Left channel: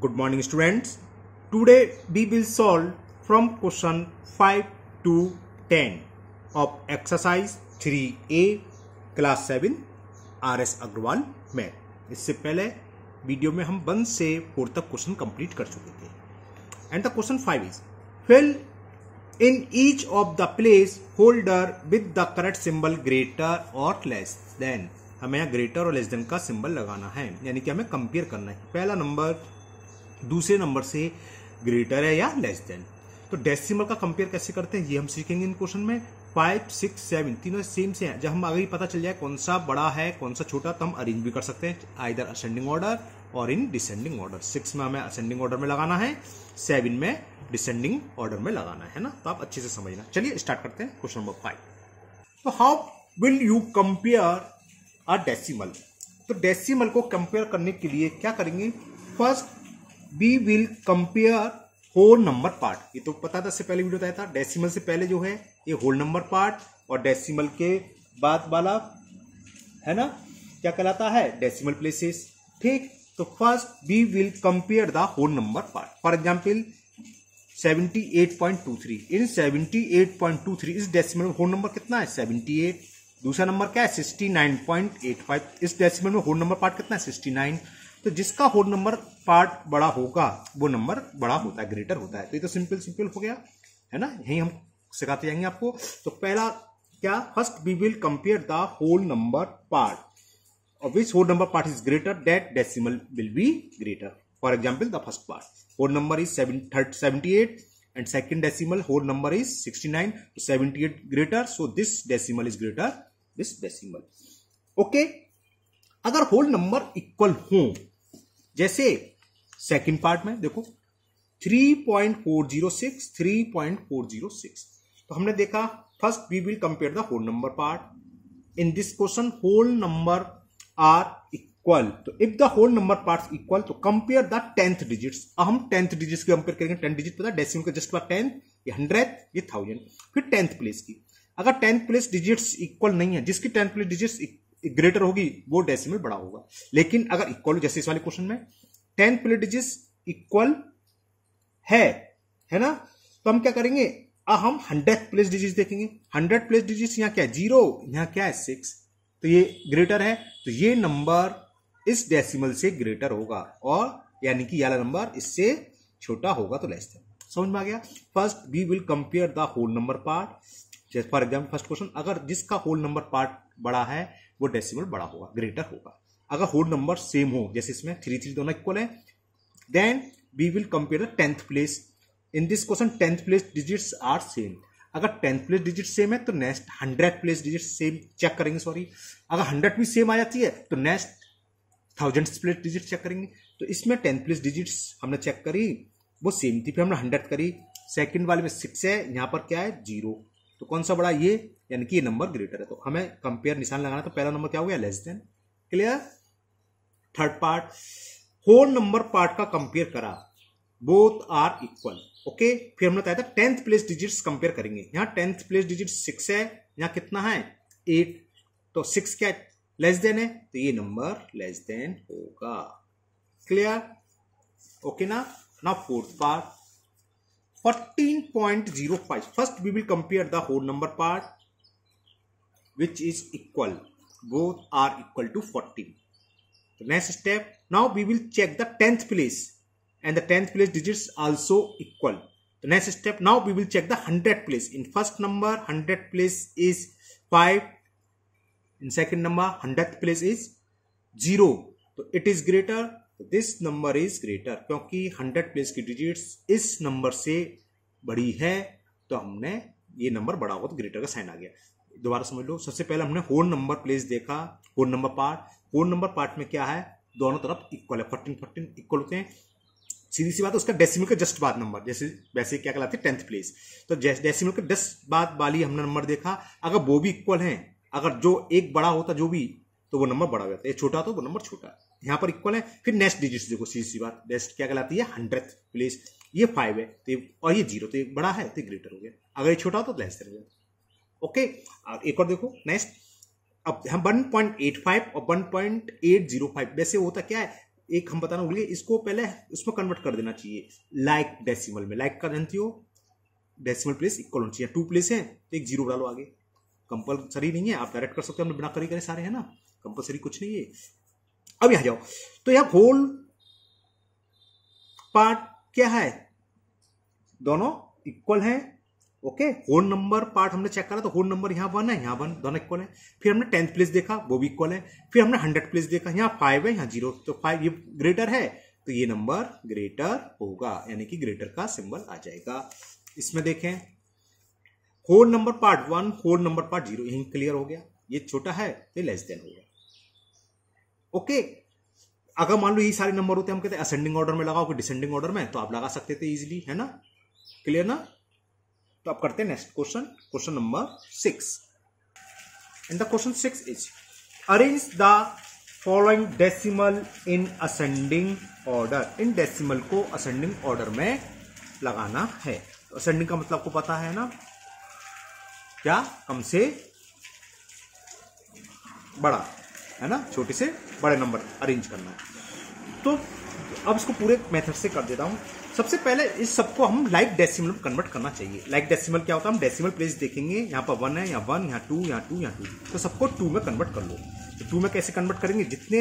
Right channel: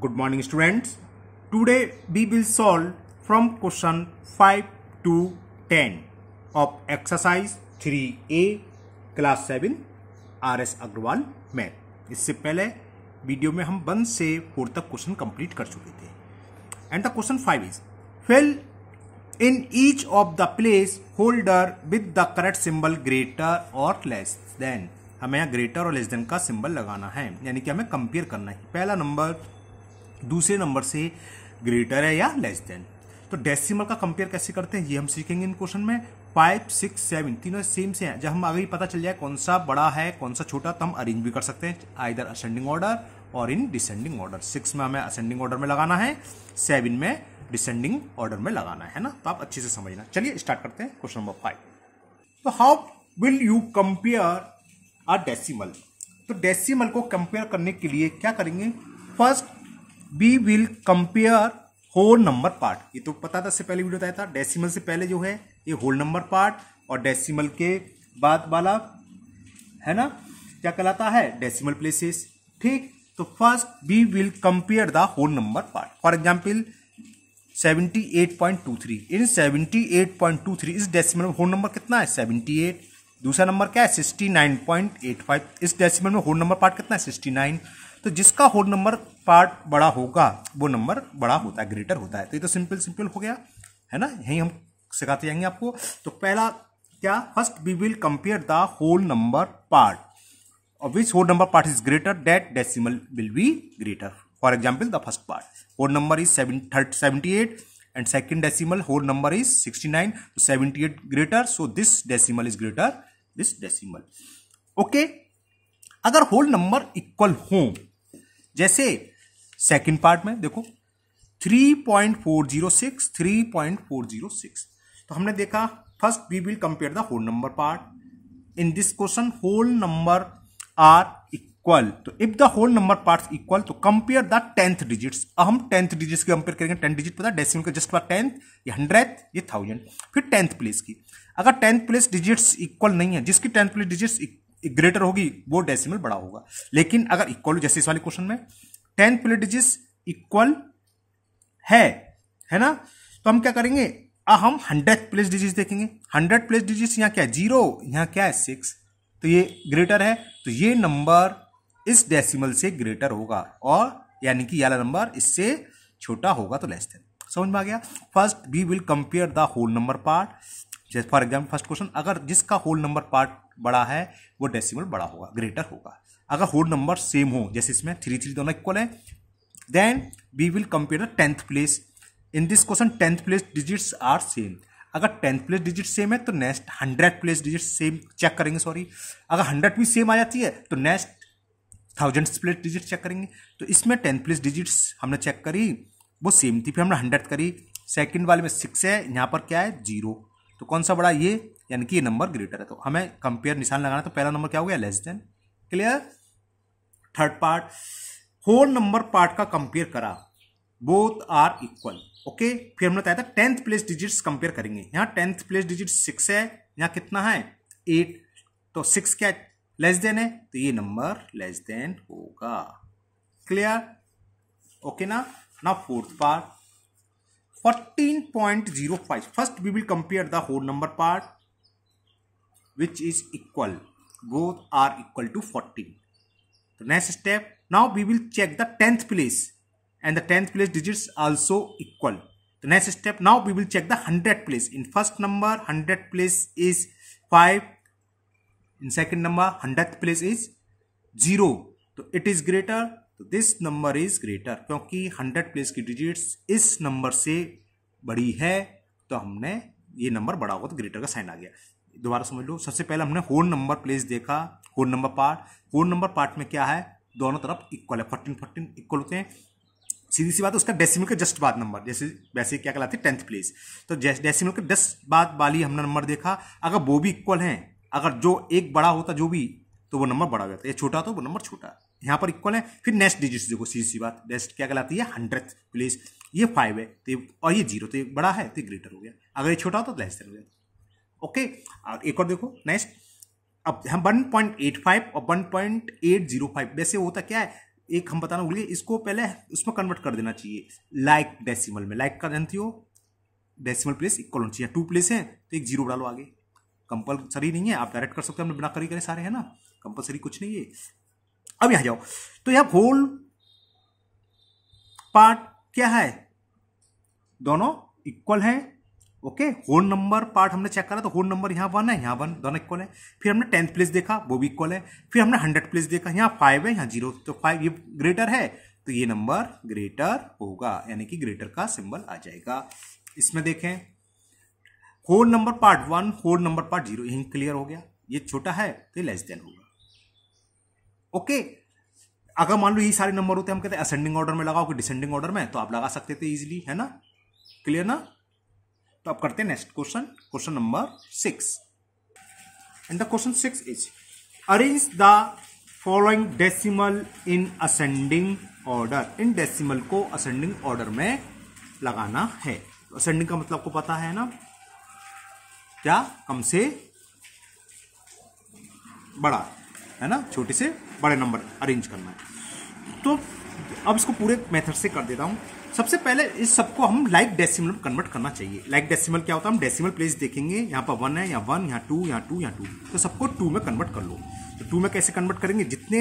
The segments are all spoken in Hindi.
Good morning students. Today we will solve from question 5 to 10 of exercise 3A class 7 RS Agrawal math. इससे पहले वीडियो में हम 1 से 4 तक क्वेश्चन कंप्लीट कर चुके थे। And the question 5 is fill in each of the place holder with the correct symbol greater or less than। हमें यहाँ ग्रेटर और लेस देन का सिंबल लगाना है, यानी कि हमें कंपेयर करना है पहला नंबर दूसरे नंबर से ग्रेटर है या लेस देन। तो डेसिमल का कंपेयर कैसे करते हैं ये हम सीखेंगे इन क्वेश्चन में। 5, 6, 7 तीनों सेम से हैं। जब हम आगे पता चल जाए कौन सा बड़ा है कौन सा छोटा, तो हम अरेंज भी कर सकते हैं आइदर असेंडिंग ऑर्डर और इन डिसेंडिंग ऑर्डर। 6 में हमें असेंडिंग ऑर्डर में लगाना है, 7 में डिसेंडिंग ऑर्डर में लगाना है ना। तो आप अच्छे से समझना। चलिए स्टार्ट करते हैं क्वेश्चन नंबर 5। तो how will you compare a decimal. तो डेसिमल को कंपेयर करने के लिए क्या करेंगे, first we will compare whole number part. ये तो पता था, इससे पहले वीडियो बताया था। डेसिमल से पहले जो है ये होल नंबर पार्ट और डेसिमल के बाद वाला है ना क्या कहलाता है, डेसिमल प्लेसेस। ठीक, तो first we will compare the whole number part. For example 78.23 in 78.23 इस डेसिमल में होल नंबर कितना है 78। दूसरा नंबर क्या है 69.85। इस डेसिमल में होल नंबर पार्ट कितना है 69। तो जिसका होल नंबर पार्ट बड़ा होगा वो नंबर बड़ा होता है, ग्रेटर होता है। तो ये तो सिंपल हो गया है ना, यही हम सिखाते जाएंगे आपको। तो पहला क्या, first we will compare the whole number part of which whole number part is greater, that decimal will be greater. For example, the first part whole number is 78 and second decimal whole number is 69. So 78 greater, so this decimal is greater this decimal. Okay, अगर होल नंबर इक्वल हो, जैसे सेकंड पार्ट में देखो 3.406 3.406, तो हमने देखा first we will compare the whole number part. In this question whole number are equal, तो if the whole number parts equal तो कंपेयर द 10th डिजिट्स। हम 10th डिजिट्स की कंपेयर करेंगे। 10 डिजिट पता है डेसिमल के जस्ट बाद 10th, ये 100th, ये 1000, फिर 10th प्लेस की। अगर 10th प्लेस डिजिट्स इक्वल नहीं है, जिसकी 10th प्लेस डिजिट्स ग्रेटर होगी वो डेसिमल बड़ा होगा। लेकिन अगर इक्वल, जैसे इस वाले क्वेश्चन में 10th प्लेस डिजिट्स इक्वल है ना, तो हम क्या करेंगे, हम 100th प्लेस डिजिट्स देखेंगे। 100th प्लेस डिजिट्स यहाँ क्या है 0, यहाँ क्या है 6, तो ये ग्रेटर है, तो ये नंबर इस डेसिमल से ग्रेटर होगा, और यानी कि ये नंबर इससे छोटा होगा, तो लेस देन। समझ में आ गया। First we will compare the whole number part. जैसे फॉर एग्जाम्पल फर्स्ट क्वेश्चन, अगर जिसका होल नंबर पार्ट बड़ा है वो डेसिमल बड़ा होगा, ग्रेटर होगा। अगर होल नंबर सेम हो, जैसे इसमें 3 3 दोनों इक्वल है, then we will compare the 10th place. In this question 10th place digits are same. अगर 10th प्लेस डिजिट सेम है तो next 100th place digit same check करेंगे। सॉरी, अगर 100 भी सेम आ जाती है तो next 1000th place digit check करेंगे। तो इसमें 10th प्लेस डिजिट्स हमने चेक करी वो सेम थी, फिर हमने 100th करी। सेकंड वाले में 6 है, यहाँ पर क्या है 0, तो कौन सा बड़ा, ये, यानी कि ये नंबर ग्रेटर है। तो हमें कंपेयर निशान लगाना, तो पहला नंबर क्या हो गया less than. Clear. Third part, whole number part का कंपेयर करा, बोथ आर इक्वल। ओके, फिर हमने बताया था 10th प्लेस डिजिट्स कंपेयर करेंगे। यहाँ 10th प्लेस डिजिट 6 है, यहाँ कितना है 8, तो 6 क्या लेस देन है, तो ये नंबर लेस देन होगा। क्लियर। ओके ना। Now fourth part 14.05। First we will compare the whole number part which is equal, both are equal to 14। तो next step, now we will check the 10th place and the 10th place digits also equal. The next step, now we will check the 100th place. In first number 100th place is 5, in second number 100th place is 0, तो it is greater, तो this number is greater, क्योंकि 100th place की digits इस नंबर से बड़ी है, तो हमने ये नंबर बड़ा होगा, तो ग्रेटर का साइन आ गया। दोबारा समझ लो, सबसे पहले हमने होल नंबर प्लेस देखा, whole number part. Whole number part में क्या है, दोनों तरफ इक्वल है, 14 14 इक्वल होते हैं। सीधी सी बात है, उसका डेसिमल के जस्ट बाद नंबर, जैसे वैसे क्या कहलाती है 10th प्लेस। तो डेसिमल के 10 बाद वाली हमने नंबर देखा, अगर वो भी इक्वल हैं, अगर जो एक बड़ा होता जो भी, तो वो नंबर बड़ा हो जाता है, छोटा तो वो नंबर छोटा। यहाँ पर इक्वल है। फिर नेक्स्ट डिजिट्स देखो, सीधी सी बात, नेक्स्ट क्या कहलाती है 100th प्लेस। ये 5 है तो और ये 0, तो ये बड़ा है तो ग्रेटर हो गया, अगर ये छोटा हो तो लेस देन हो गया। ओके, और एक और देखो नेक्स्ट, अब हम 1.85 और 1.805, वैसे होता क्या है एक हम बताना भूल गए, इसको पहले उसमें कन्वर्ट कर देना चाहिए लाइक डेसिमल में। लाइक का जानती हो डेसिमल प्लेस इक्वल होनी चाहिए। 2 प्लेस है तो एक जीरो डालो आगे, कंपलसरी नहीं है, आप डायरेक्ट कर सकते हो, हमने बिना करी करे सारे है ना, कंपलसरी कुछ नहीं है। अब यहां जाओ तो यहां होल पार्ट क्या है, दोनों इक्वल है। ओके, होल नंबर पार्ट हमने चेक करा तो होल नंबर यहाँ 1 है, यहाँ 1, दोनों इक्वल है। फिर हमने 10th प्लेस देखा, वो भी इक्वल है। फिर हमने 100 प्लेस देखा, यहाँ 5 है, यहाँ 0, तो 5 ये ग्रेटर है तो ये नंबर ग्रेटर होगा, यानी कि ग्रेटर का सिंबल आ जाएगा। इसमें देखें whole number part 1, whole number part 0, यही क्लियर हो गया। ये छोटा है तो लेस देन होगा। ओके, अगर मान लो यही सारे नंबर होते हम कहते हैं असेंडिंग ऑर्डर में लगाओ कि डिसेंडिंग ऑर्डर में, तो आप लगा सकते थे इजीली, है ना, क्लियर ना। तो अब करते हैं next question, question number 6। And the question 6 is arrange the following decimal in ascending order. In decimal को असेंडिंग ऑर्डर में लगाना है। तो असेंडिंग का मतलब आपको पता है ना, क्या, कम से बड़ा, है ना, छोटे से बड़े नंबर अरेंज करना। तो अब इसको पूरे मेथड से कर देता हूं। सबसे पहले इस सबको हम लाइक डेसिमल में कन्वर्ट करना चाहिए। लाइक डेसिमल क्या होता है, हम डेसिमल प्लेस देखेंगे, यहाँ पर 1 है, यहाँ 1, यहाँ 2, यहाँ 2, यहाँ 2, तो सबको 2 में कन्वर्ट कर लो। तो 2 में कैसे कन्वर्ट करेंगे, जितने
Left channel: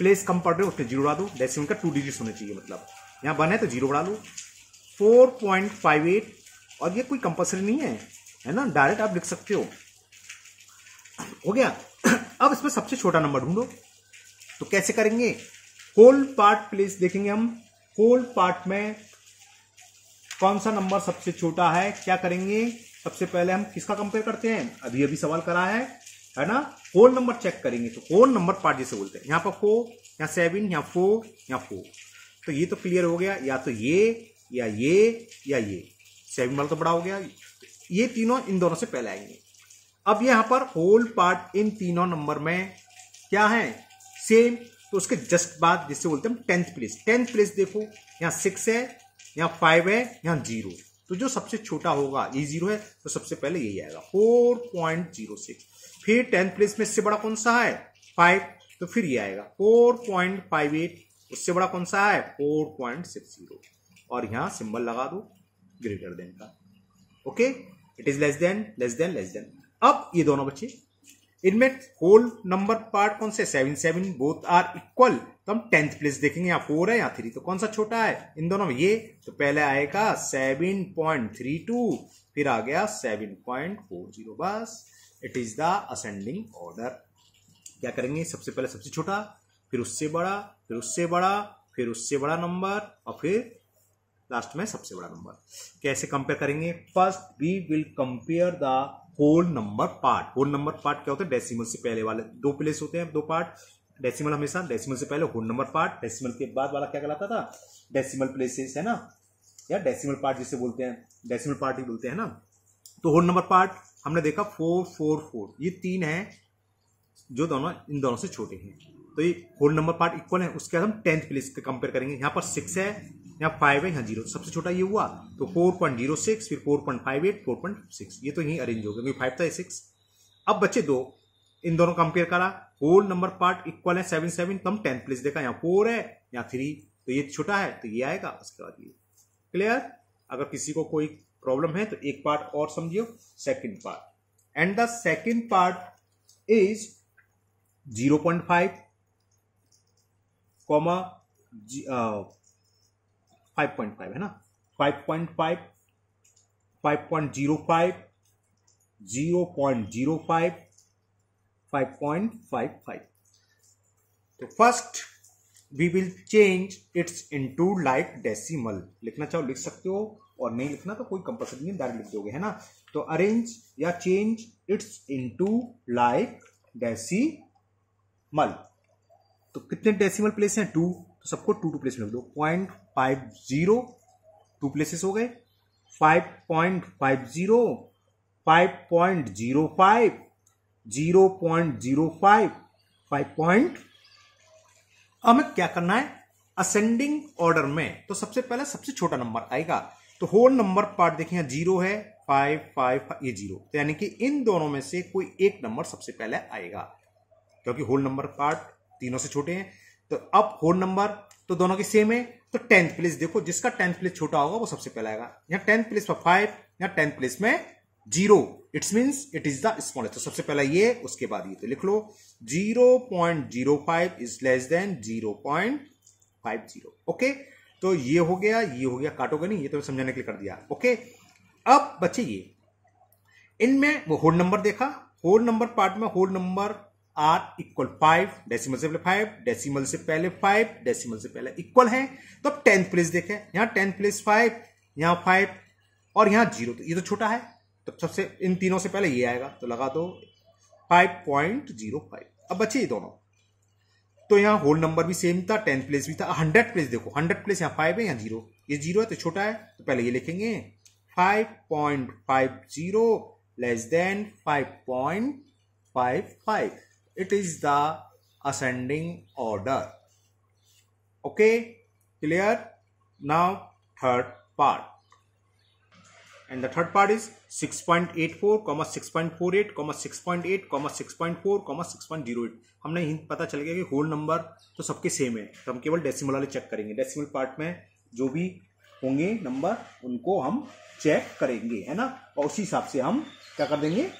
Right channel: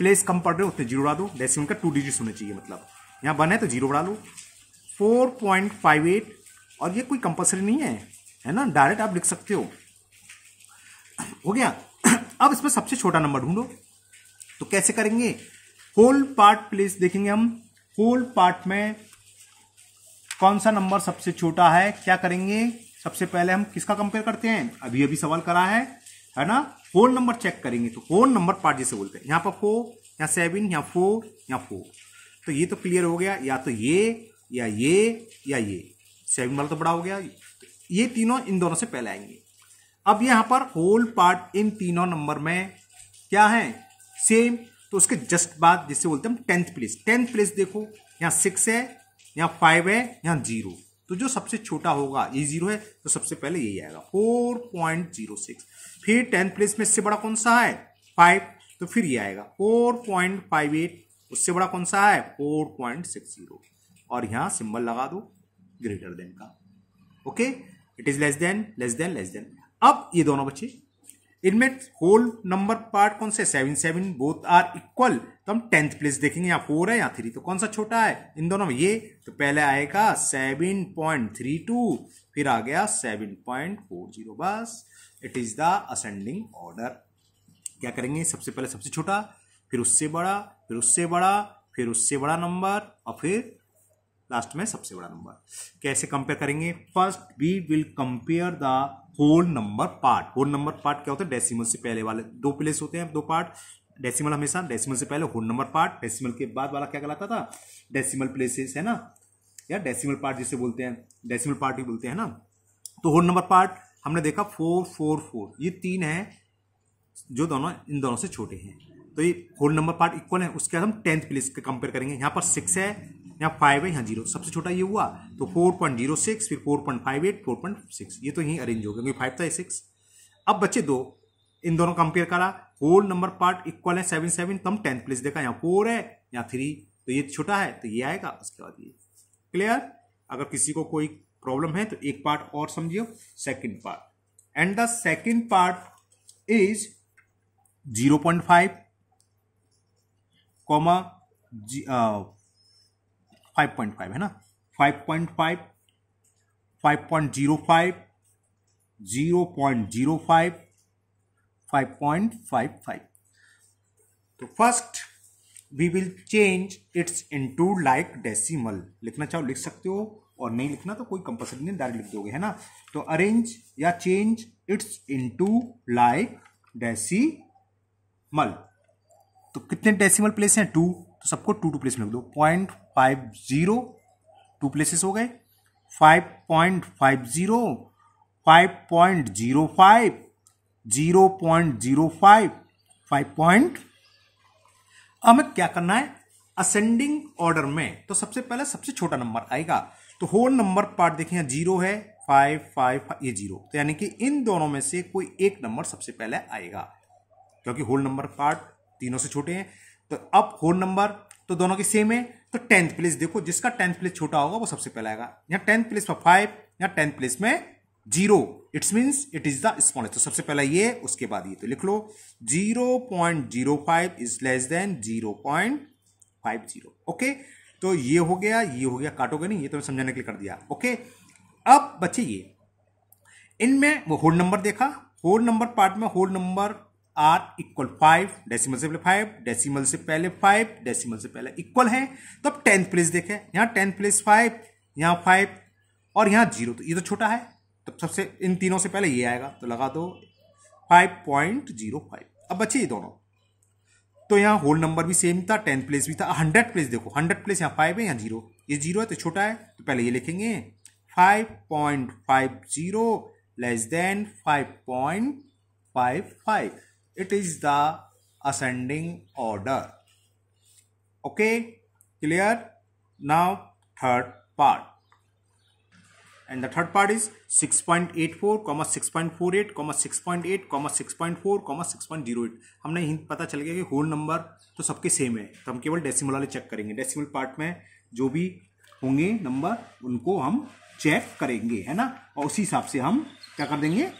प्लेस कम पड़ रहे हो उतने जीरो बढ़ा दो। डेसिमल का 2 डिजिट होना चाहिए, मतलब यहाँ 1 है तो 0 बढ़ा लो। 4.58, और ये कोई कंपल्सरी नहीं है ना, डायरेक्ट आप लिख सकते हो गया। अब इसमें सबसे छोटा नंबर ढूंढो, तो कैसे करेंगे, होल पार्ट प्लेस देखेंगे हम। होल पार्ट में कौन सा नंबर सबसे छोटा है, क्या करेंगे, सबसे पहले हम किसका कंपेयर करते हैं, अभी अभी सवाल करा है ना, होल नंबर चेक करेंगे। तो होल नंबर पार्ट जिसे बोलते हैं, यहां पर 4, यहाँ 7, यहाँ 4, यहाँ 4, तो ये तो क्लियर हो गया, या तो ये या ये या ये। 7 वाला तो बड़ा हो गया, ये तीनों इन दोनों से पहले आएंगे। अब यहां पर होल पार्ट इन तीनों नंबर में क्या है, सेम, तो उसके जस्ट बाद जिसे बोलते हैं 10th प्लेस। 10th प्लेस देखो, यहां 6 है, यहां 5 है, यहां 0, तो जो सबसे छोटा होगा, ये 0 है तो सबसे पहले यही आएगा 4.06। फिर 10th प्लेस में इससे बड़ा कौन सा है, 5, तो फिर ये आएगा 4.58। उससे बड़ा कौन सा है, 4.60, और यहां सिंबल लगा दो ग्रेटर देन का। Okay, it is less than, less than, less than. अब ये दोनों बच्चे, इनमें होल नंबर पार्ट कौन से, 7, 7, बोथ आर इक्वल, तो हम 10th प्लेस देखेंगे, यहाँ 4 है, यहाँ 3, तो कौन सा छोटा है इन दोनों में, ये, तो पहले आएगा 7.32, फिर आ गया 7.40, बस it is the ascending order. क्या करेंगे, सबसे पहले सबसे छोटा, फिर उससे बड़ा, फिर उससे बड़ा, फिर उससे बड़ा नंबर, और फिर लास्ट में सबसे बड़ा नंबर। कैसे कंपेयर करेंगे, first we will compare the whole number part. Whole number part क्या होता है, डेसिमल से पहले वाले 2 प्लेस होते हैं, 2 पार्ट, डेसिमल हमेशा, डेसिमल से पहले होल नंबर पार्ट, डेसिमल के बाद वाला क्या कहलाता था, डेसिमल प्लेसेस, है ना, या डेसिमल पार्ट जिसे बोलते हैं, डेसिमल पार्ट ही बोलते हैं ना। तो होल नंबर पार्ट हमने देखा 4, 4, 4, ये 3 है जो दोनों इन दोनों से छोटे हैं, तो ये होल नंबर पार्ट इक्वल है। उसके बाद हम 10th प्लेस के कंपेयर करेंगे, यहाँ पर 6 है, यहाँ 5 है, यहाँ 0, सबसे छोटा ये हुआ, तो 4.06, फिर 4.58, 4.6, ये तो यही अरेंज हो गया क्योंकि 5 था, 6। अब बच्चे दो, इन दोनों कंपेयर करा, होल नंबर पार्ट इक्वल है 7, 7, तो हम 10th प्लेस देखा, यहाँ 4 है, यहाँ 3, तो ये छोटा है तो ये आएगा, उसके बाद ये। क्लियर। अगर किसी को कोई प्रॉब्लम है तो एक पार्ट और समझियो, second part, and the second part is 0.5, 5.5 है ना, 5.5, 5.05, 0.05, 5.55। तो first we will change its into like decimal. लिखना चाहो लिख सकते हो, और नहीं लिखना तो कोई कंपल्सरी नहीं, डायरेक्ट लिख दोगे, है ना। तो अरेंज या change its into like decimal. तो कितने डेसिमल प्लेस हैं, 2, तो सबको 2 प्लेस में लिख दो। 0.50 2 प्लेसेस हो गए, 5.50, 5.05, 0.05, 5. हमें क्या करना है, असेंडिंग ऑर्डर में, तो सबसे पहले सबसे छोटा नंबर आएगा। तो होल नंबर पार्ट देखेंगे 0 है, 5, 5, ये 0, तो यानी कि इन दोनों में से कोई एक नंबर सबसे पहले आएगा, क्योंकि होल नंबर पार्ट तीनों से छोटे हैं। तो अब होल नंबर तो दोनों की सेम है, तो 10th प्लेस देखो, जिसका 10th प्लेस छोटा होगा वो सबसे पहला आएगा। यहाँ 10th प्लेस में 5, यहाँ 10th प्लेस में 0, it's means it is the smallest. तो सबसे पहला ये, उसके बाद ये, तो लिख लो 0.05 इज लेस देन 0.50। ओके, तो ये हो गया, काटोगे नहीं, ये तो समझाने के लिए कर दिया। ओके, अब बच्चे ये इनमें वो होल नंबर देखा, होल नंबर पार्ट में whole number are equal 5, decimal से पहले 5, डेसिमल से पहले 5, डेसिमल से पहले इक्वल है। तो अब 10th प्लेस देखें, यहां 10th प्लेस 5, यहां 5 और यहां 0, तो ये तो छोटा है, तो सबसे इन तीनों से पहले ये आएगा, तो लगा दो 5.05। अब बच्चे ये दोनों, तो यहां होल नंबर भी सेम था, 10th प्लेस भी था। 100th प्लेस देखो, 100th प्लेस यहां 5 है, यहां 0, ये 0 है तो छोटा है, तो पहले ये लिखेंगे 5.50 less than 5.55। It is the ascending order. Okay, clear? Now third part, and the third part is 6.84, 6.48, 6.8, 6.4, 6.08। हमने हिंट पता चल गया कि होल नंबर तो सबके सेम है, तो हम केवल डेसिमल वाले चेक करेंगे। डेसिमल पार्ट में जो भी होंगे नंबर उनको हम चेक करेंगे, है ना, और उसी हिसाब से हम क्या कर देंगे,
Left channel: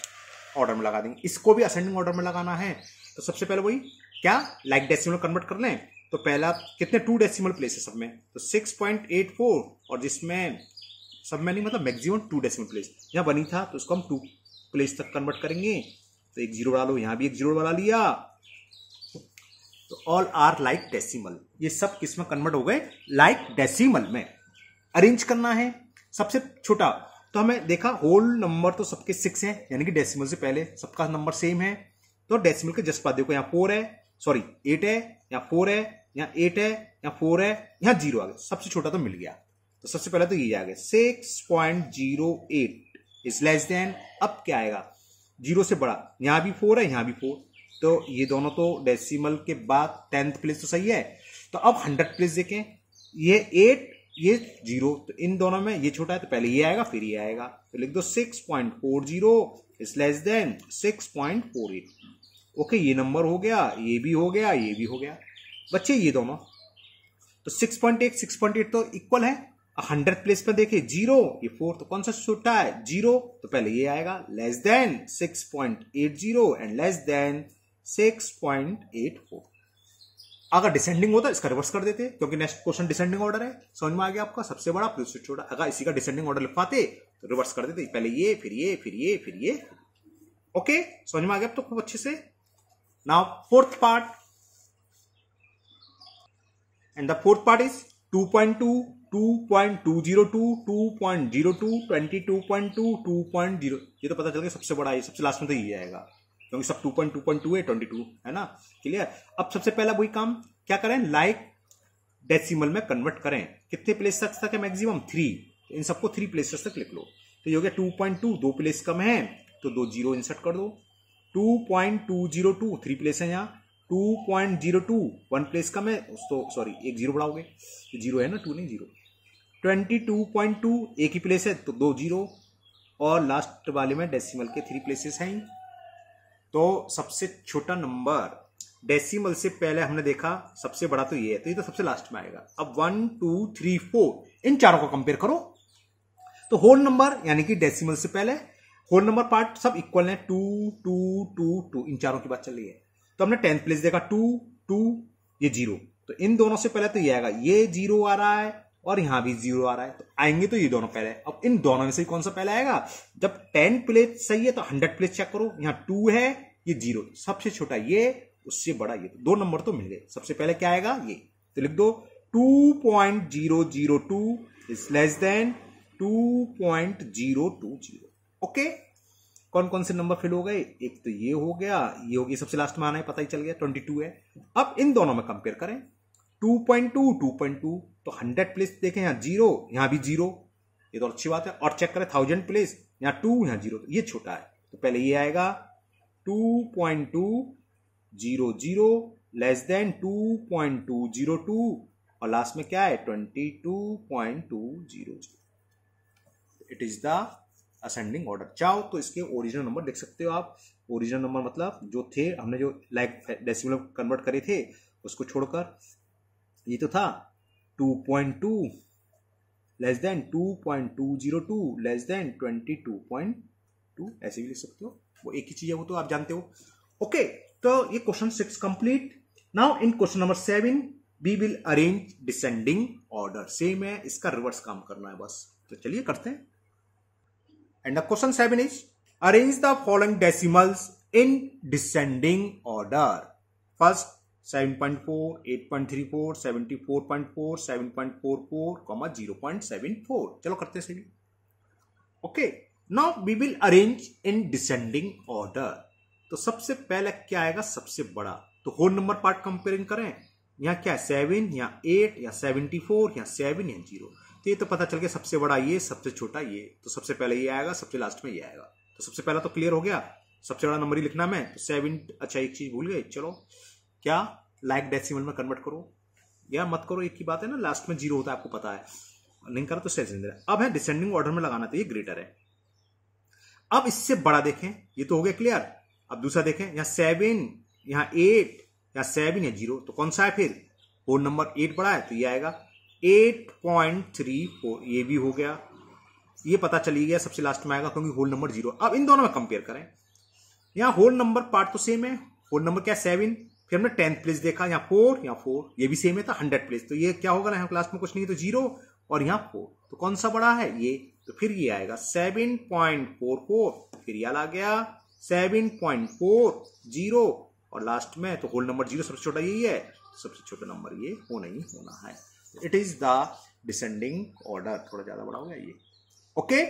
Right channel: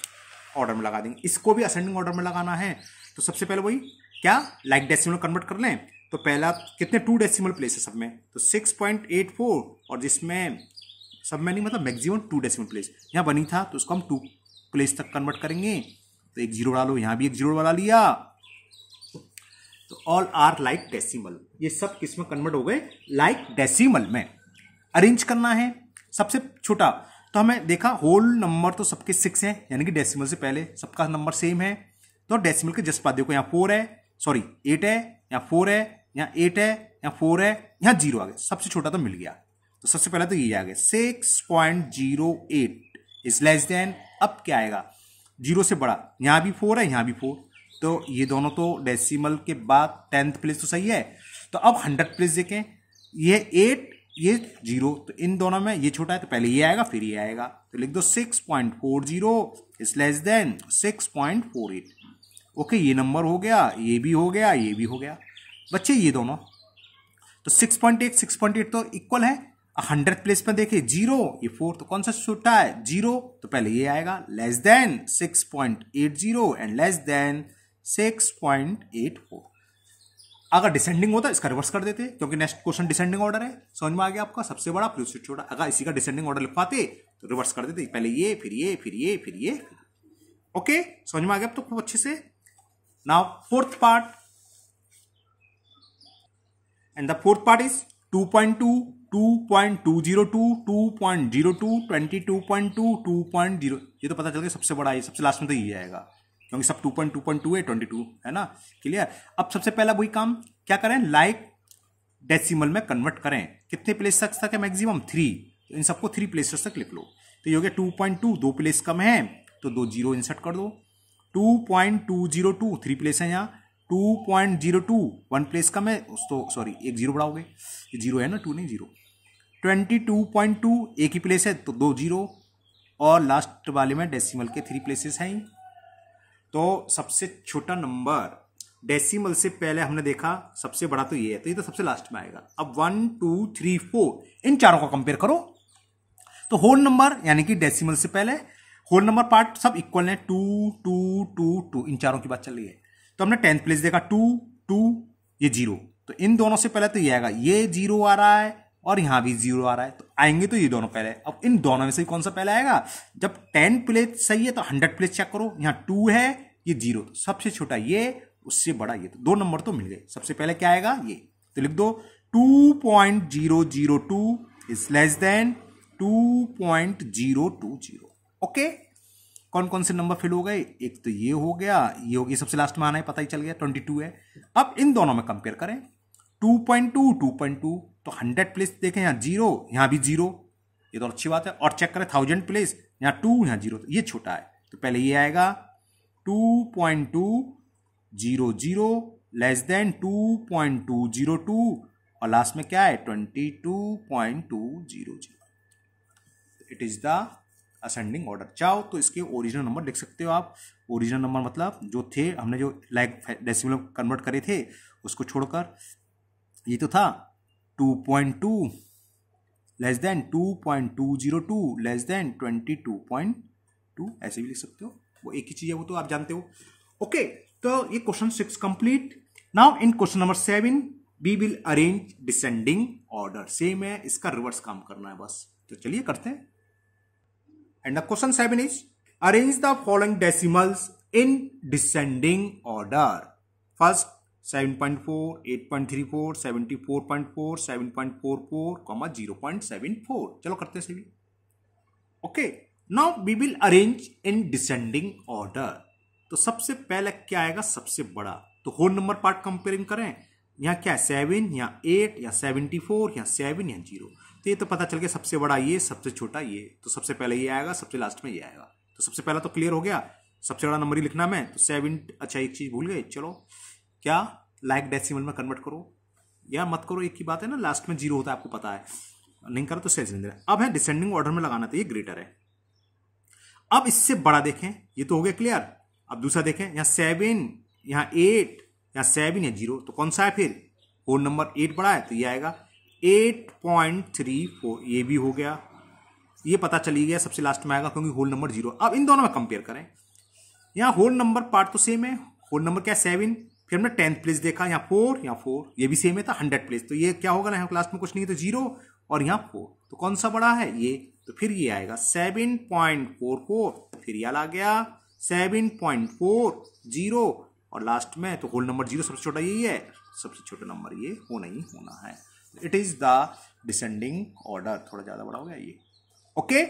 ऑर्डर में लगा देंगे। इसको भी असेंडिंग ऑर्डर में लगाना है, तो सबसे पहले वही क्या, लाइक डेसिमल कन्वर्ट कर लें। तो पहला कितने 2 डेसिमल प्लेस है सब में, तो 6.84, और जिसमें सब में नहीं, मतलब मैक्सिमम 2 डेसिमल प्लेस यहां बनी था, तो उसको हम 2 प्लेस तक कन्वर्ट करेंगे। तो एक 0 डालो, यहां भी एक 0 बना लिया, तो ऑल आर लाइक डेसिमल। ये सब किस में कन्वर्ट हो गए, लाइक डेसिमल में। अरेंज करना है सबसे छोटा, तो हमें देखा होल नंबर तो सबके 6 हैं, यानी कि डेसिमल से पहले सबका नंबर सेम है, तो डेसिमल के जस्ट बाद देखो, यहाँ 4 है, सॉरी 8 है, यहाँ 4 है, यहाँ 8 है, यहाँ 4 है, यहाँ 0 आ गया, सबसे छोटा तो मिल गया। तो सबसे पहले तो ये आ गया 6.08 इज लेस देन, अब क्या आएगा 0 से बड़ा, यहाँ भी 4 है, यहाँ भी 4, तो ये दोनों तो डेसिमल के बाद 10th प्लेस तो सही है। तो अब 100th प्लेस देखें, ये 8, ये 0, तो इन दोनों में ये छोटा है, तो पहले ये आएगा फिर ये आएगा, तो लिख दो 6.40 इज लेस देन 6.48। ओके, ये नंबर हो गया, ये भी हो गया, ये भी हो गया बच्चे, ये दोनों। तो 6.8 तो इक्वल है। 100th प्लेस में देखे 0, ये 4, तो कौन सा छोटा है 0, तो पहले ये आएगा, less than 6.80 and less than 6.84। अगर डिसेंडिंग होता इसका रिवर्स कर देते, क्योंकि नेक्स्ट क्वेश्चन डिसेंडिंग ऑर्डर है। समझ में आ गया आपका, सबसे बड़ा फिर उससे छोटा। अगर इसी का डिसेंडिंग ऑर्डर लिखवाते तो रिवर्स कर देते, पहले ये फिर ये फिर ये फिर ये। ओके, समझ में आ गया तो खूब अच्छे से। Now fourth part, and the fourth part is 2.2, 2.202, 2.02, 22.2, 2.0। ये तो पता चल गया सबसे बड़ा है, सबसे लास्ट में तो ये आएगा, क्योंकि सब 2.2.2 है, 22 है ना, क्लियर। अब सबसे पहला वही काम क्या करें, लाइक डेसिमल में कन्वर्ट करें। कितने प्लेस तक है मैक्सिमम 3, तो इन सबको 3 प्लेसेस तक लिख लो। तो ये हो गया 2.2, 2 प्लेस कम है तो 2 0 इंसर्ट कर दो। 2.202, 3 प्लेस है यहाँ। 2.02, 1 प्लेस कम है, तो सॉरी एक 0 बढ़ाओगे, ये 0 है ना, 2 नहीं 0। 22.2, एक ही प्लेस है तो 2 0, और लास्ट वाले में डेसिमल के 3 प्लेसेस हैं। तो सबसे छोटा नंबर डेसिमल से पहले हमने देखा, सबसे बड़ा तो ये है, तो ये तो सबसे लास्ट में आएगा। अब 1 2 3 4 इन चारों को कंपेयर करो, तो होल नंबर यानी कि डेसिमल से पहले होल नंबर पार्ट सब इक्वल है, 2 2 2 2, इन चारों की बात चल रही है। तो हमने 10th प्लेस देखा 2 2, ये 0, तो इन दोनों से पहले तो ये आएगा, ये 0 आ रहा है और यहां भी 0 आ रहा है, तो आएंगे तो ये दोनों पहले। अब इन दोनों में से कौन सा पहले आएगा, जब 10 प्लेस सही है तो 100 प्लेस चेक करो, यहां 2 है, ये 0, तो सबसे छोटा ये, उससे बड़ा ये, तो 2 नंबर तो मिल गए। सबसे पहले क्या आएगा ये, तो लिख दो 2.002 इज लेस देन 2.020। ओके, कौन कौन से नंबर फिल हो गए, एक तो ये हो गया, ये हो गया, सबसे लास्ट में आना है, पता ही चल गया 22 है। अब इन दोनों में कंपेयर करें, 2.2 2.2, तो 100 प्लेस देखें, यहाँ 0, यहाँ भी 0, ये तो अच्छी बात है। और चेक करें 1000 प्लेस, यहाँ 2, यहाँ 0, तो ये छोटा है, तो पहले ये आएगा 2.200 लेस देन 2.202, और लास्ट में क्या है 22.200। It is the ascending order. चाहो तो इसके ओरिजिनल नंबर लिख सकते हो आप। ओरिजिनल नंबर मतलब जो थे, हमने जो लाइक डेसिमल कन्वर्ट करे थे, उसको छोड़कर ये तो था 2.2 लेस देन 2.202 लेस देन 22.2, ऐसे भी लिख सकते हो, वो एक ही चीज है, वो तो आप जानते हो। ओके, तो ये question 6 complete. Now in question number 7 we will arrange descending order. Same है, इसका रिवर्स काम करना है बस, तो चलिए करते हैं। And the question 7 is arrange the following decimals in descending order. First 7.4, 8.34, 74.4, 7.44, 0.74। चलो करते हैं सभी। Okay, now we will arrange in descending order. तो सबसे पहले क्या आएगा, सबसे बड़ा, तो होल नंबर पार्ट कंपेयरिंग करें, यहाँ क्या है 7 या 8 या 74 या 7 या 0, तो ये तो पता चल गया सबसे बड़ा ये, सबसे छोटा ये, तो सबसे पहले ये आएगा, सबसे लास्ट में ये आएगा। तो सबसे पहला तो क्लियर हो गया, सबसे बड़ा नंबर ही लिखना मैं, तो 7। अच्छा एक चीज भूल गए, चलो क्या लाइक डेसिमल में कन्वर्ट करो या मत करो, एक ही बात है ना, लास्ट में 0 होता है, आपको पता है, नहीं करो तो सही। अब है डिसेंडिंग ऑर्डर में लगाना, तो ये ग्रेटर है। अब इससे बड़ा देखें, ये तो हो गया क्लियर। अब दूसरा देखें, यहाँ 7, यहाँ 8 या 7 या 0, तो कौन सा है फिर, होल नंबर 8 बड़ा है, तो ये आएगा 8.34, ये भी हो गया, ये पता चली गया सबसे लास्ट में आएगा क्योंकि होल नंबर 0। अब इन दोनों में कंपेयर करें, यहाँ होल नंबर पार्ट तो सेम है, होल नंबर क्या 7, फिर हमने 10th प्लेस देखा, यहाँ 4, यहाँ 4, ये भी सेम है था 100 प्लेस, तो ये क्या होगा ना, यहाँ लास्ट में कुछ नहीं है तो 0, और यहाँ 4, तो कौन सा बड़ा है ये, तो फिर ये आएगा 7.44, फिर ये आ गया 7.40, और लास्ट में तो होल नंबर 0 सबसे छोटा यही है, सबसे छोटा नंबर ये होना ही होना है। It is the descending order. थोड़ा ज्यादा बड़ा हो गया ये। ओके,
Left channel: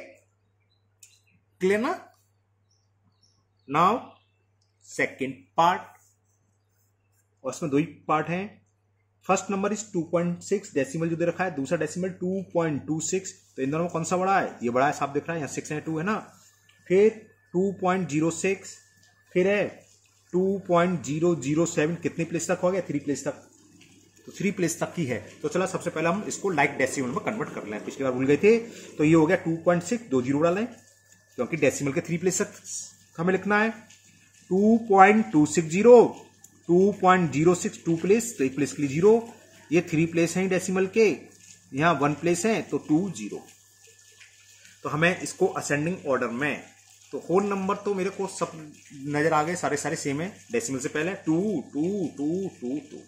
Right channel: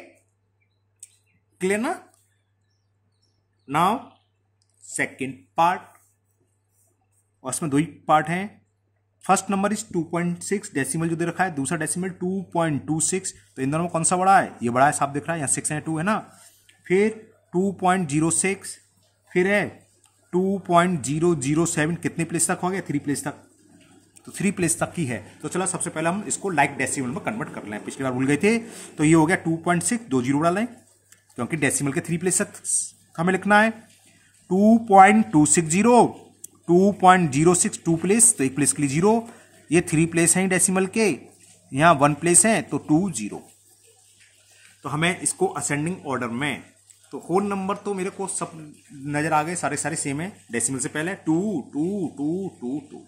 क्लियर ना। नाउ सेकेंड पार्ट, और इसमें 2 ही पार्ट हैं। फर्स्ट नंबर इज 2.6, डेसिमल जो दे रखा है, दूसरा डेसिमल 2.26, तो इन दोनों में कौन सा बड़ा है, ये बड़ा है, साफ दिख रहा है, यहाँ 6 है 2 है ना। फिर 2.06, फिर है 2.007, कितनी प्लेस तक हो गया, 3 प्लेस तक, तो 3 प्लेस तक की है। तो चलो सबसे पहले हम इसको लाइक डेसिमल में कन्वर्ट कर लें, पिछली बार भूल गए थे, तो ये हो गया 2.6, 2 0 डालें क्योंकि डेसिमल के 3 प्लेस तक हमें लिखना है। 2.260, 2.06, 2 प्लेस, तो 1 प्लेस के लिए 0, ये 3 प्लेस हैं डेसिमल के, यहाँ 1 प्लेस है तो 2 0। तो हमें इसको असेंडिंग ऑर्डर में, तो होल नंबर तो मेरे को सब नजर आ गए, सारे सेम है, डेसिमल से पहले 2 2 2 2 2।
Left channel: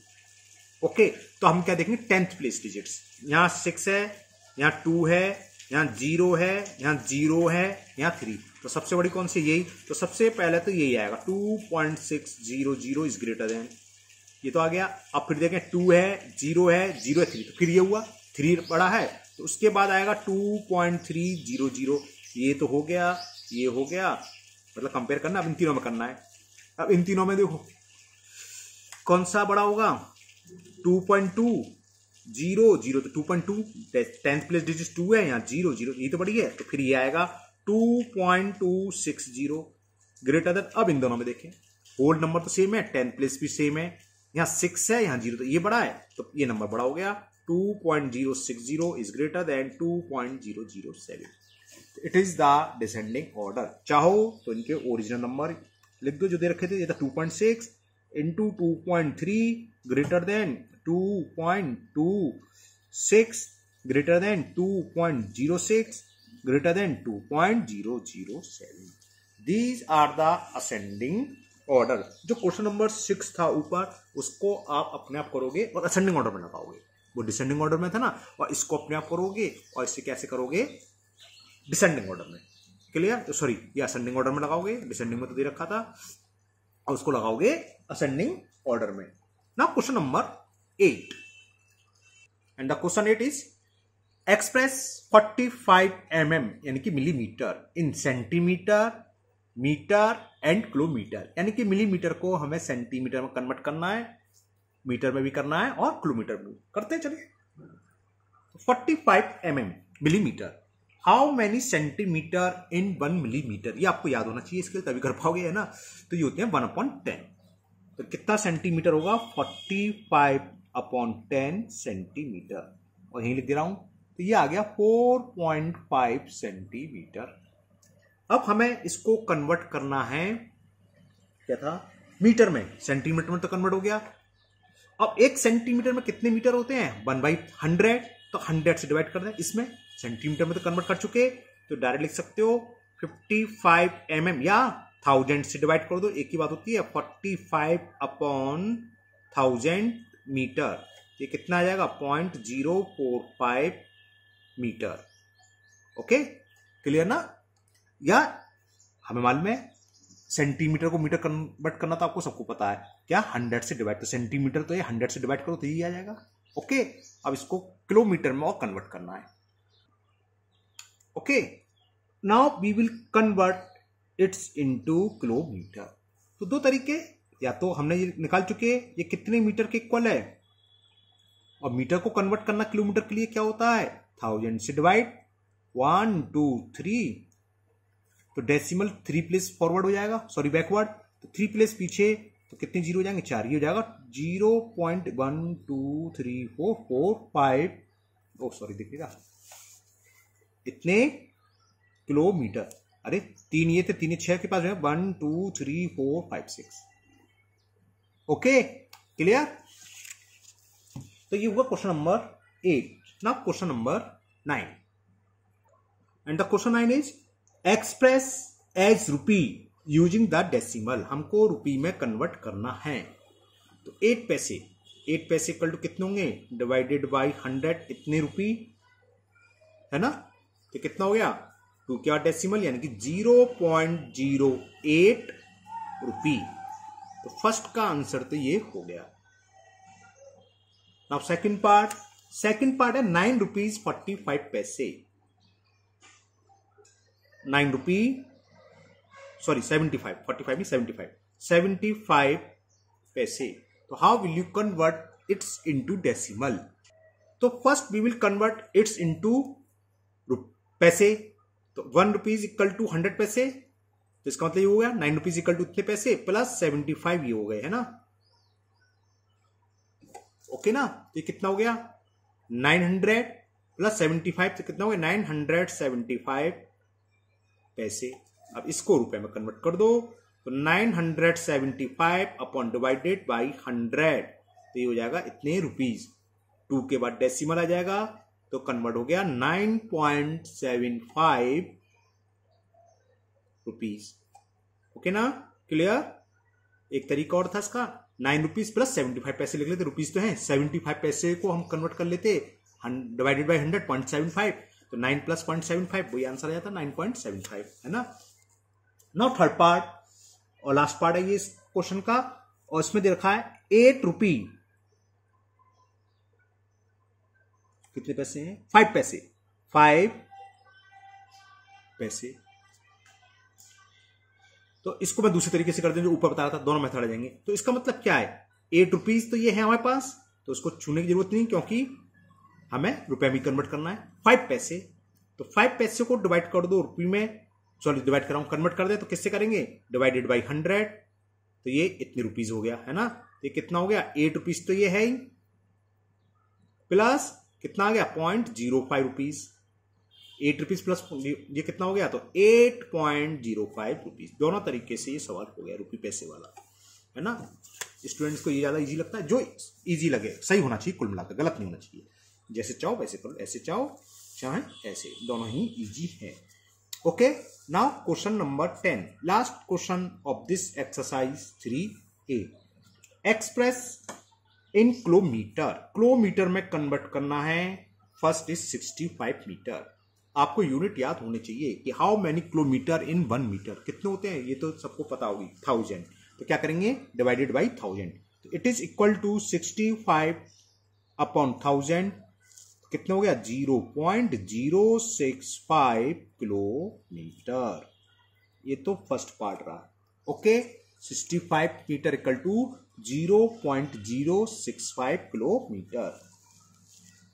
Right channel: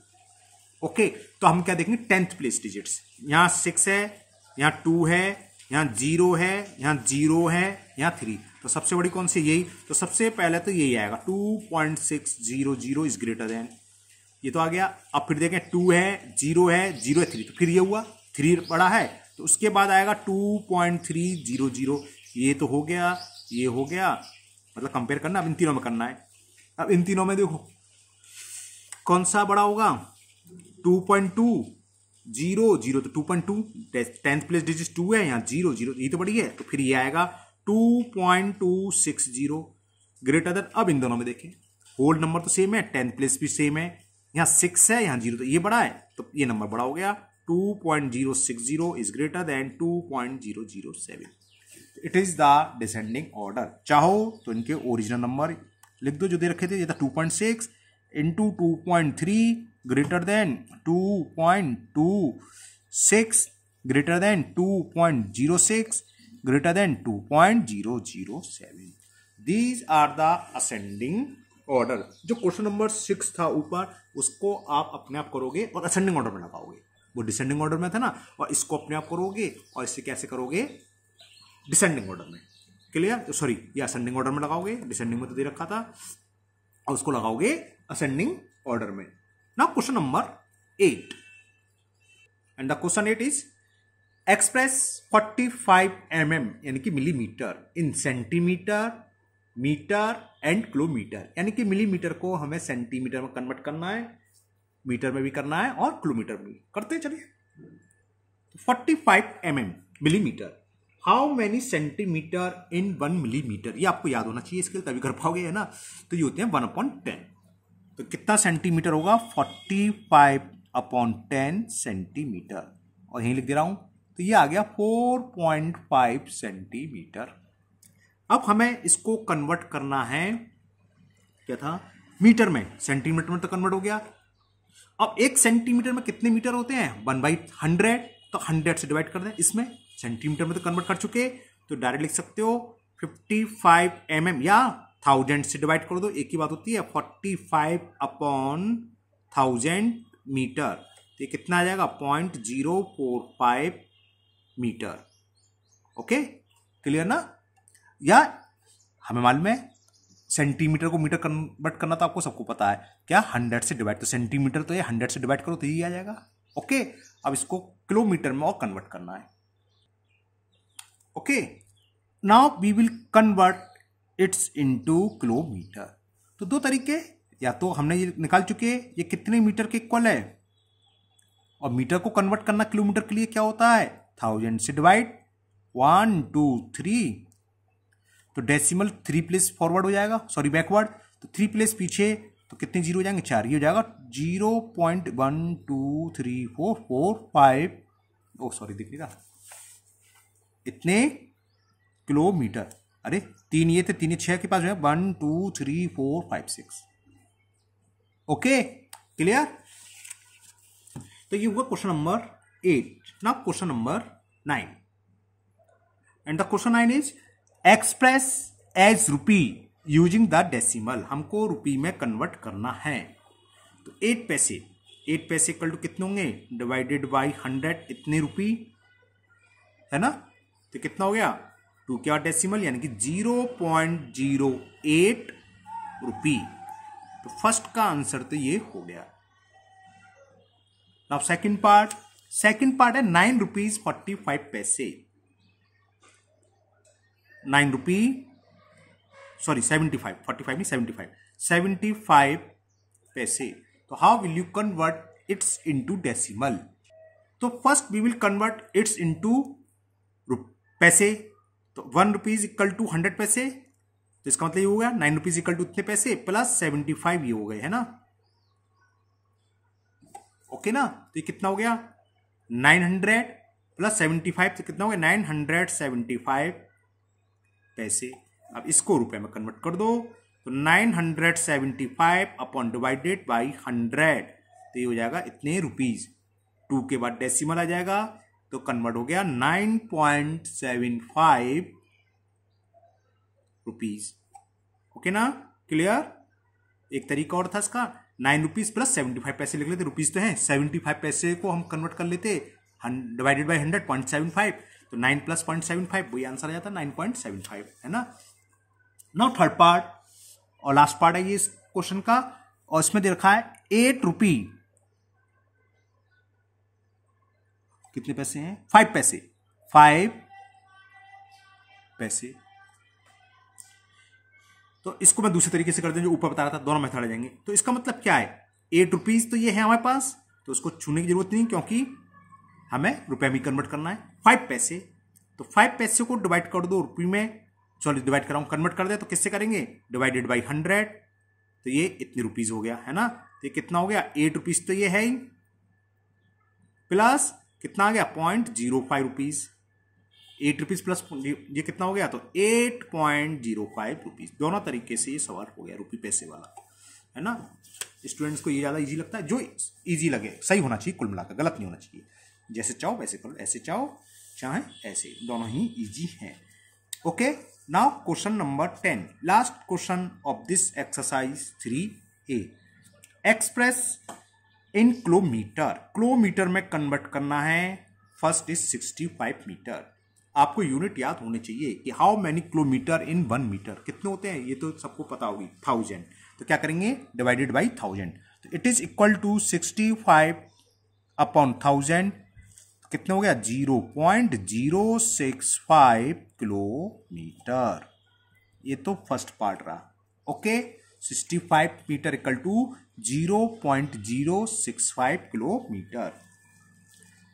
ओके, तो हम क्या देखेंगे 10th प्लेस डिजिट्स, यहाँ 6 है, यहाँ 2 है, यहाँ 0 है, यहाँ 0 है, यहाँ 3, तो सबसे बड़ी कौन सी, यही, तो सबसे पहले तो यही आएगा 2.600 इज ग्रेटर देन, ये तो आ गया। अब फिर देखें 2 है, 0 है, 0 है, 3, तो फिर ये हुआ 3 बड़ा है, तो उसके बाद आएगा 2.300, ये तो हो गया, ये हो गया, मतलब कंपेयर करना, अब इन तीनों में करना है। अब इन तीनों में देखो कौन सा बड़ा होगा, 2.2 0 0, तो 2.2, 10th प्लेस डिजिट 2 है, यहाँ 0 0, ये तो बड़ी है, तो फिर ये आएगा 2.260 ग्रेटर देन। अब इन दोनों में देखें, होल नंबर तो सेम है, 10th प्लेस भी सेम है, यहाँ 6 है, यहाँ 0, तो ये बड़ा है, तो ये नंबर बड़ा हो गया, 2.060 is greater than 2.007। It is the descending order. चाहो तो इनके ओरिजिनल नंबर लिख दो जो दे रखे थे, ये था 2.6 into 2.3 greater than 2.26 greater than 2.06 greater than 2.007। These are the ascending order. जो क्वेश्चन नंबर 6 था ऊपर, उसको आप अपने आप करोगे और असेंडिंग ऑर्डर में लगाओगे, वो डिसेंडिंग ऑर्डर में था ना, और इसको अपने आप करोगे, और इसे कैसे करोगे, डिसेंडिंग ऑर्डर में। क्लियर, सॉरी, ये असेंडिंग ऑर्डर में लगाओगे, डिसेंडिंग में तो दे रखा था, और उसको लगाओगे असेंडिंग ऑर्डर में। Now question number 8, and the question 8 is express 45 mm यानी कि millimetre in centimetre, metre and kilometre, यानी कि मिलीमीटर को हमें सेंटीमीटर में कन्वर्ट करना है, मीटर में भी करना है और किलोमीटर में भी करते हैं। चलिए, 45 mm millimetre, how many centimetre in 1 millimetre, ये आपको याद होना चाहिए, इसके लिए तभी कर पाओगे, है ना। तो ये होते हैं 1/10, तो कितना सेंटीमीटर होगा, 45/10 सेंटीमीटर, और यही लिख दे रहा हूं, तो ये आ गया 4.5 सेंटीमीटर। अब हमें इसको कन्वर्ट करना है, क्या था, मीटर में, सेंटीमीटर में तो कन्वर्ट हो गया, अब 1 सेंटीमीटर में कितने मीटर होते हैं? 1/100, तो 100 से डिवाइड कर दें। इसमें सेंटीमीटर में तो कन्वर्ट कर चुके, तो डायरेक्ट लिख सकते हो 55 mm, या 1000 से डिवाइड कर दो, एक ही बात होती है। 45/1000 मीटर, तो ये कितना आ जाएगा? 0.045 मीटर। ओके, क्लियर ना? या हमें मालूम है सेंटीमीटर को मीटर कन्वर्ट करना, तो आपको सबको पता है क्या? 100 से डिवाइड, तो सेंटीमीटर तो ये 100 से डिवाइड करो तो ये आ जाएगा। ओके, अब इसको किलोमीटर में और कन्वर्ट करना है। Okay, now we will convert its into kilometre. तो दो तरीके, या तो हमने ये निकाल चुके ये कितने मीटर के इक्वल है, और मीटर को कन्वर्ट करना किलोमीटर के लिए क्या होता है? 1000 से डिवाइड, 1 2 3, तो डेसिमल 3 प्लेस फॉरवर्ड हो जाएगा, सॉरी बैकवर्ड, तो 3 प्लेस पीछे, तो कितने जीरो हो जाएंगे? 4, ये हो जाएगा 0.1234445, ओ सॉरी देखिएगा इतने किलोमीटर। अरे 3 ये थे, 3 ये 6 के पास है, 1 2 3 4 5 6। Okay, clear? तो ये हुआ question number 8। Now question number 9, and the question 9 is express as rupee using the decimal. हमको रुपी में कन्वर्ट करना है, तो 8 पैसे इक्वल टू कितने होंगे? डिवाइडेड बाई 100, इतने रुपी है ना, तो कितना हो गया? 2 क्या डेसिमल, यानी कि 0.08 रुपी। तो फर्स्ट का आंसर तो ये हो गया। अब सेकंड पार्ट है 9 रुपीज 45 पैसे। 9 रुपी, सॉरी 75, 45 नहीं 75 पैसे। तो how will you convert its into decimal? तो first we will convert its into पैसे। तो 1 रुपीज इक्वल टू 100 पैसे, तो इसका मतलब ये हो गया 9 रुपीज इक्वल टू इतने पैसे प्लस 75 ये हो गए, है ना? ओके ना? तो ये कितना हो गया? 900 प्लस 75, तो कितना हो गया? 975 पैसे। अब इसको रुपए में कन्वर्ट कर दो, तो 975 अपॉन डिवाइडेड बाई 100, तो ये हो जाएगा इतने रुपीज। 2 के बाद डेसिमल आ जाएगा, तो कन्वर्ट हो गया 9.75 रुपीज। ओके ना? क्लियर? एक तरीका और था इसका, 9 रुपीज प्लस 75 पैसे लिख लेते, रुपीज तो है, 75 पैसे को हम कन्वर्ट कर लेते डिवाइडेड बाई 100, 0.75, तो 9 प्लस 0.75, वही आंसर आ जाता 9.75, है ना? नाउ थर्ड पार्ट और लास्ट पार्ट है ये इस क्वेश्चन का, और इसमें दे रखा है 8 रुपी, कितने पैसे हैं? 5 पैसे, 5 पैसे। तो इसको मैं दूसरे तरीके से कर दूं, जो ऊपर बता रहा था, दोनों मेथड आ जाएंगे। तो इसका मतलब क्या है? 8 रुपीज तो ये है हमारे पास, तो उसको छूने की जरूरत नहीं, क्योंकि हमें रुपए में कन्वर्ट करना है। 5 पैसे, तो 5 पैसे को डिवाइड कर दो रुपये में, सॉरी डिवाइड कर रहा हूं, कन्वर्ट कर दे, तो किससे करेंगे? डिवाइडेड बाई 100, तो ये इतने रुपीज हो गया, है ना? तो ये कितना हो गया? 8 रुपीज तो ये है ही, प्लस कितना आ गया? 0.05 रुपीज। 8 रुपीज प्लस ये कितना हो गया? तो 8.05 रुपीज। दोनों तरीके से ये सवाल हो गया रुपये पैसे वाला, है ना? स्टूडेंट्स को ये ज्यादा इजी लगता है, जो इजी लगे, सही होना चाहिए, कुल मिलाकर गलत नहीं होना चाहिए। जैसे चाहो वैसे करो, ऐसे चाहो चाहे ऐसे, दोनों ही इजी हैं। Okay, now question number 10, last question of this exercise 3A। Express in kilometre, kilometre में कन्वर्ट करना है। फर्स्ट इज 65 मीटर। आपको यूनिट याद होने चाहिए कि how many kilometre in 1 metre, कितने होते हैं ये तो सबको पता होगी, 1000। तो क्या करेंगे? डिवाइडेड बाई 1000, तो it is equal to 65 upon 1000, कितने हो गया? 0.065 किलोमीटर। ये तो फर्स्ट पार्ट रहा। Okay, 65 metre equal to 0.065 kilometre.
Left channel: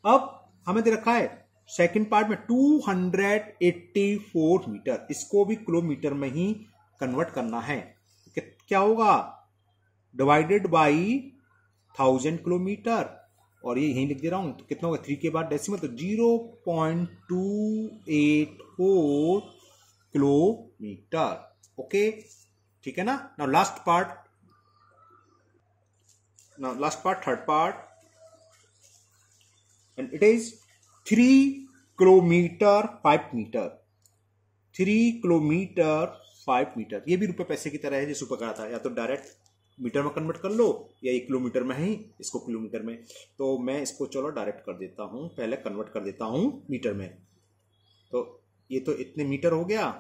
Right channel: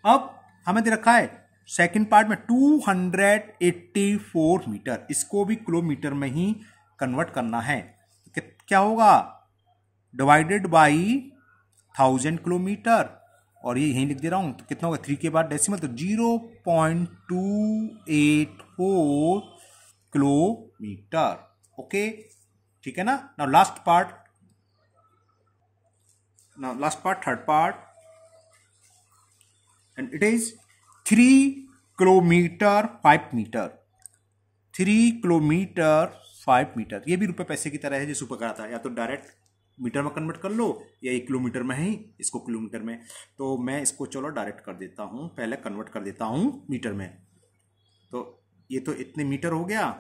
अब हमें दे रखा है सेकंड पार्ट में 284 मीटर, इसको भी किलोमीटर में ही कन्वर्ट करना है। क्या होगा? डिवाइडेड बाई 1000 किलोमीटर, और ये यहीं लिख दे रहा हूं, तो कितना होगा? 3 के बाद डेसिमल, तो 0.284 किलोमीटर। ओके, ठीक है ना? Now last part, now last part, third part, and it is 3 kilometre 5 metre, 3 kilometre 5 metre. ये भी रुपए पैसे की तरह है जैसे ऊपर कहा था, या तो डायरेक्ट मीटर में कन्वर्ट कर लो या 1 किलोमीटर में ही इसको किलोमीटर में। तो मैं इसको चलो डायरेक्ट कर देता हूं, पहले कन्वर्ट कर देता हूं मीटर में। तो ये तो इतने मीटर हो गया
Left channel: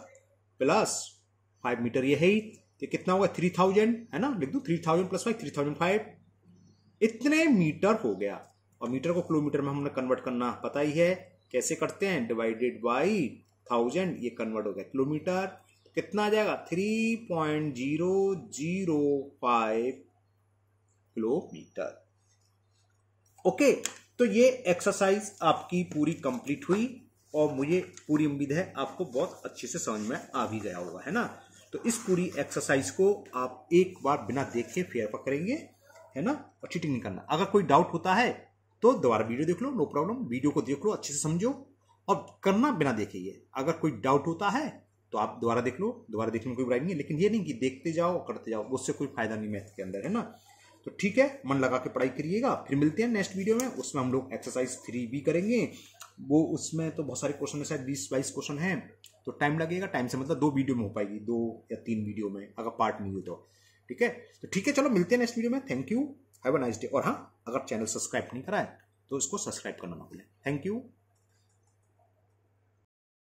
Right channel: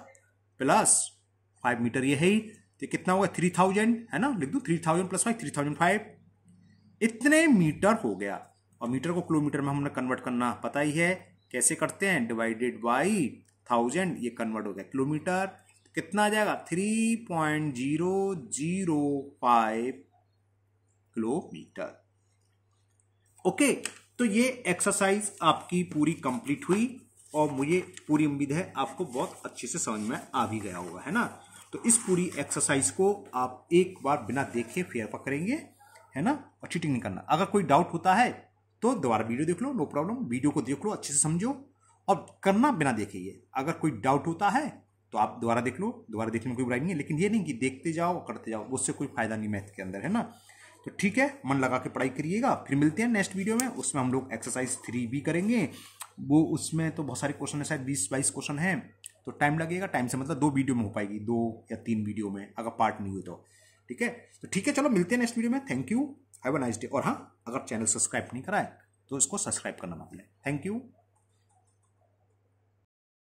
प्लस 5 मीटर, ये है ही, तो कितना होगा 3000 है ना, लिख दो 3000 प्लस 5 3005, इतने मीटर हो गया। और मीटर को किलोमीटर में हमने कन्वर्ट करना पता ही है, कैसे करते हैं, डिवाइडेड बाई 1000, ये कन्वर्ट हो गया किलोमीटर। तो कितना आ जाएगा 3.005 किलोमीटर। ओके, तो ये एक्सरसाइज आपकी पूरी कंप्लीट हुई और मुझे पूरी उम्मीद है आपको बहुत अच्छे से समझ में आ भी गया होगा, है ना। तो इस पूरी एक्सरसाइज को आप एक बार बिना देखे फेयर पकड़ेंगे, है ना, और चीटिंग नहीं करना। अगर कोई डाउट होता है तो दोबारा वीडियो देख लो, नो प्रॉब्लम, वीडियो को देख लो, अच्छे से समझो और करना बिना देखे। ये अगर कोई डाउट होता है तो आप दोबारा देख लो, दोबारा देखने में कोई बुराई नहीं है, लेकिन ये नहीं कि देखते जाओ और करते जाओ, उससे कोई फायदा नहीं मैथ के अंदर, है ना। तो ठीक है, मन लगा के पढ़ाई करिएगा। फिर मिलते हैं नेक्स्ट वीडियो में, उसमें हम लोग एक्सरसाइज 3 भी करेंगे। वो उसमें तो बहुत सारे क्वेश्चन है, शायद 20-22 क्वेश्चन हैं, तो टाइम लगेगा। टाइम से मतलब 2 वीडियो में हो पाएगी, 2 या 3 वीडियो में, अगर पार्ट नहीं हुई तो। ठीक है, तो ठीक है, चलो मिलते हैं नेक्स्ट वीडियो में। Thank you, have a nice day. और हाँ, अगर चैनल सब्सक्राइब नहीं करा है तो इसको सब्सक्राइब करना ना भूलें। Thank you.